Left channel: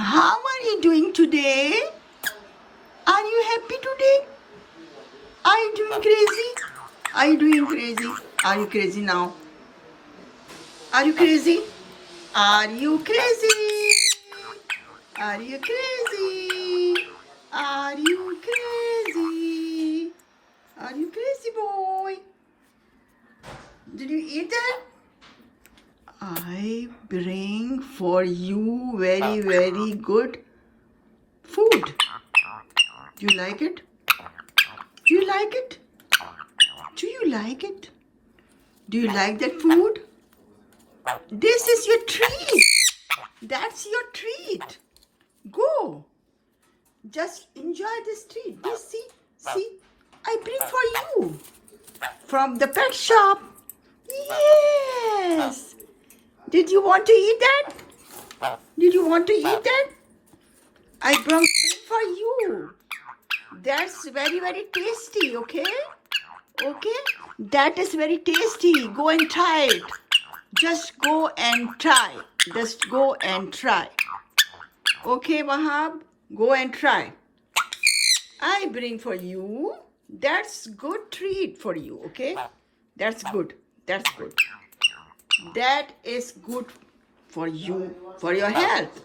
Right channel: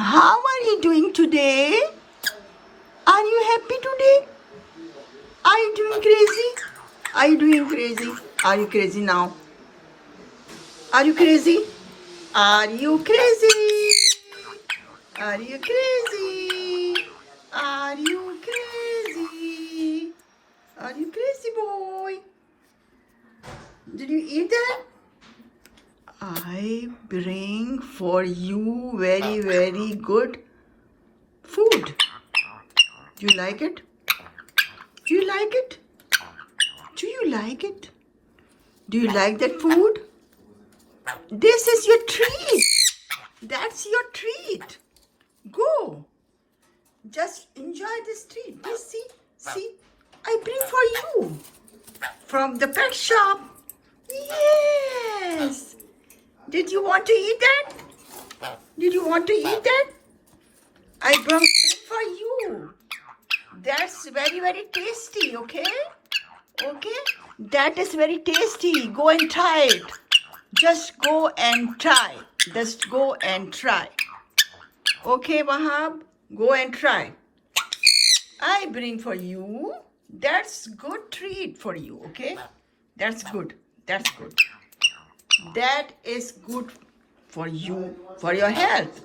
How are you doing today? Are you happy today? Are you doing crazy? Are you doing crazy? Are you crazy now? Are you crazy? Are you crazy? Are you crazy? Are you crazy? Are you crazy, boy? Did you eat that? I bring for you very, very good food. Do you like it? Do you like it? Do you like it? Do you like that food? This is your treat. That's your treat. Go. Just enjoy this treat. This, see, I bring for you from the pet shop. Yes. Did you want to eat that? Did you want to eat that? I bring for you. That's very, very tasty, okay? Okay? That is very tasty. Go and try it. Just go and try. Just go and try. Okay, Wahab? Go and try. I bring for you. That's good treat for you, okay? That's good. That's good. That is good for you, for your health.